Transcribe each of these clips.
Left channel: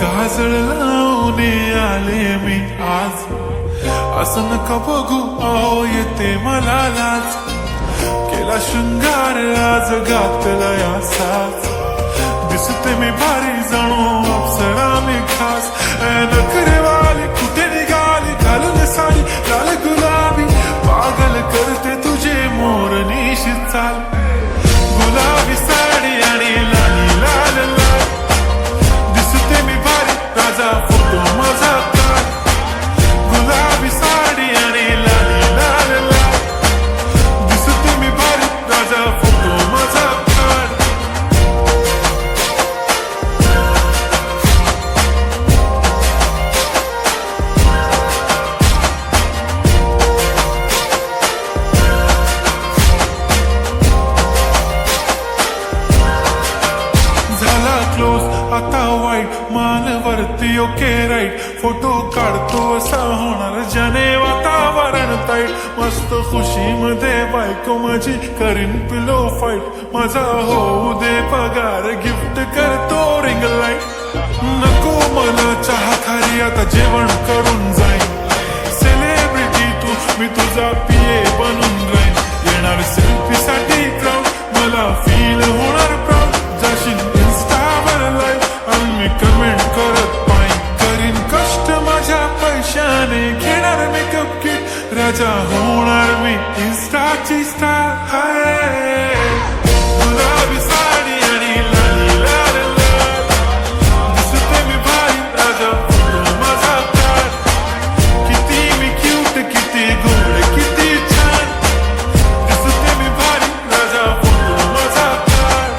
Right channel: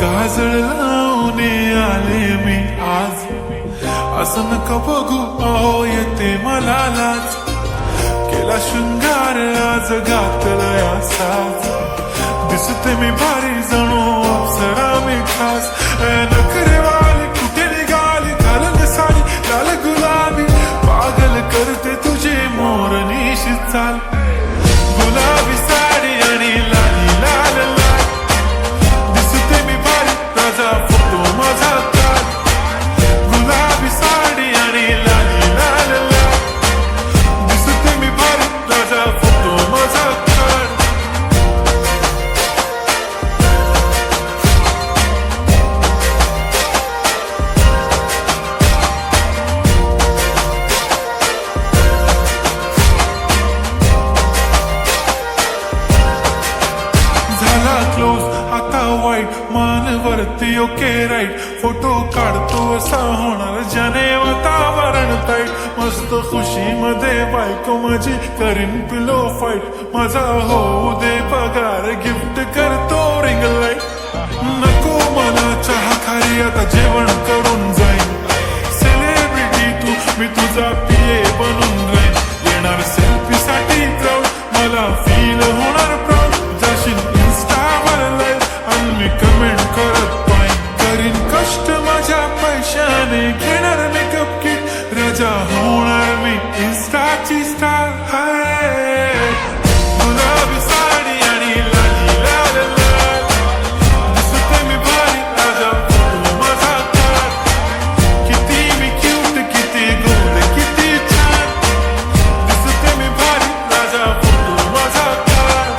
काजळ लावून आले मी आज, असं नका बघू अहो येते मला लाज. केला शृंगार आज घातलाय असाच, दिसते मी भारी जणू अप्सरा मी खास. नखरेवाली कुठे निघाली घालून साडी लाल गुलाबी, पागल करते तुझे मोरनीशी चाल. गुलाबी साडी आणि लाली लाल लाल, दिसते मी भारी राजा फोटो माझा काढ. गुलाबी साडी आणि लाली लाल लाल, दिसते मी भारी राजा फोटो माझा काढ. झाला क्लोज आता वाईट, मान वरती ओके राईट. फोटो काढतो असा होणार ज्याने वातावरण ताईट. मस्त खुशी मध्ये बायको माझी करीन पिलो फाईट. माझा होऊ दे पगार गिफ्ट करतो रिंग लाईट. नको मला चहा खारी आता जेवण करून जाईन. सेलिब्रिटी तू मी तुझा पिये बनून राहीन. येणार सेल्फी साठी क्राऊड मला फील होणार प्राऊड. जाशील इन्स्टावर लाईव्ह आणि मी कमेंट करत पाईन. करीन कष्ट माझ्या पैशाने घेणार मेकअप किट. राजा होणार मी इन्स्टाची स्टार. हाय गुलाबी साडी आणि लाली लाल लाल, दिसते मी भारी राजा फोटो माझा काढ. किती मी क्यूट किती गोड किती छान, दिसते मी भारी राजा फोटो माझा काढ.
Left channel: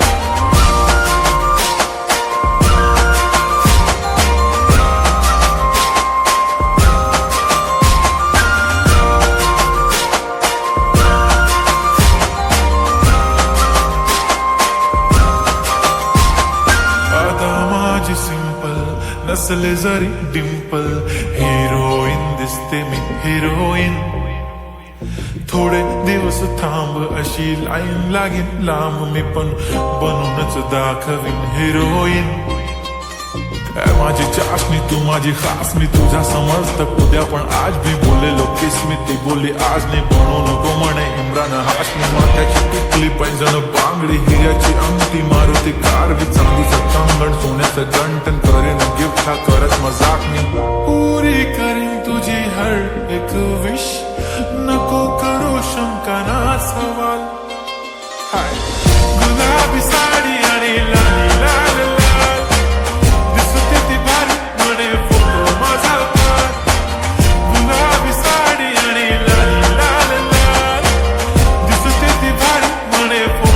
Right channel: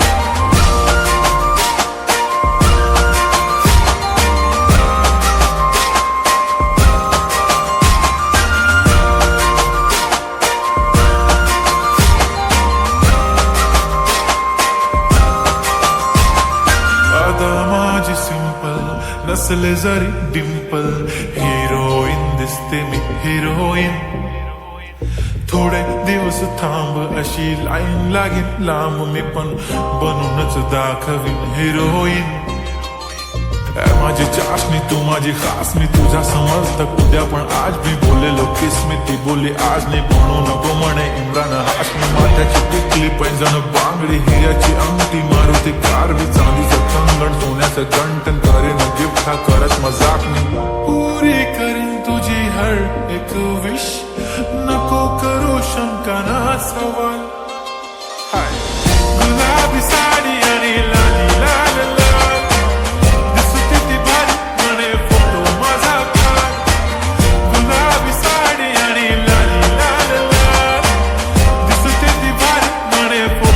आता माझी सिंपल नसले जरी डिंपल, हिरोईन दिसते मी हिरोईन. थोडे दिवस थांब अशी लाईन लागेल लांब, मी पण बनूनच दाखवीन हिरोईन. माझी चाशनी तू माझी खास, मी तुझा समर्थक उद्या पण आज भी बोलेलो किस मी. ती बोली आज नाही बनू नको म्हणे इम्रान हाशमी. माथ्याची टिकली पैंजण बांगडी हिऱ्याची अंगठी, मारुती कारवी चांदीचं कंगण सोन्याचं गंटन. करीन गिफ्ट हा करत मजाक मी, पुरी करीन तुझी हर एक विश. नको करू शंका ना सवाल. हाय गुलाबी साडी आणि लाली लाल लाल, दिसते ती भारी म्हणे फोटो माझा काढ. गुलाबी साडी आणि लाली लाल लाल, दिसते ती भारी म्हणे फोटो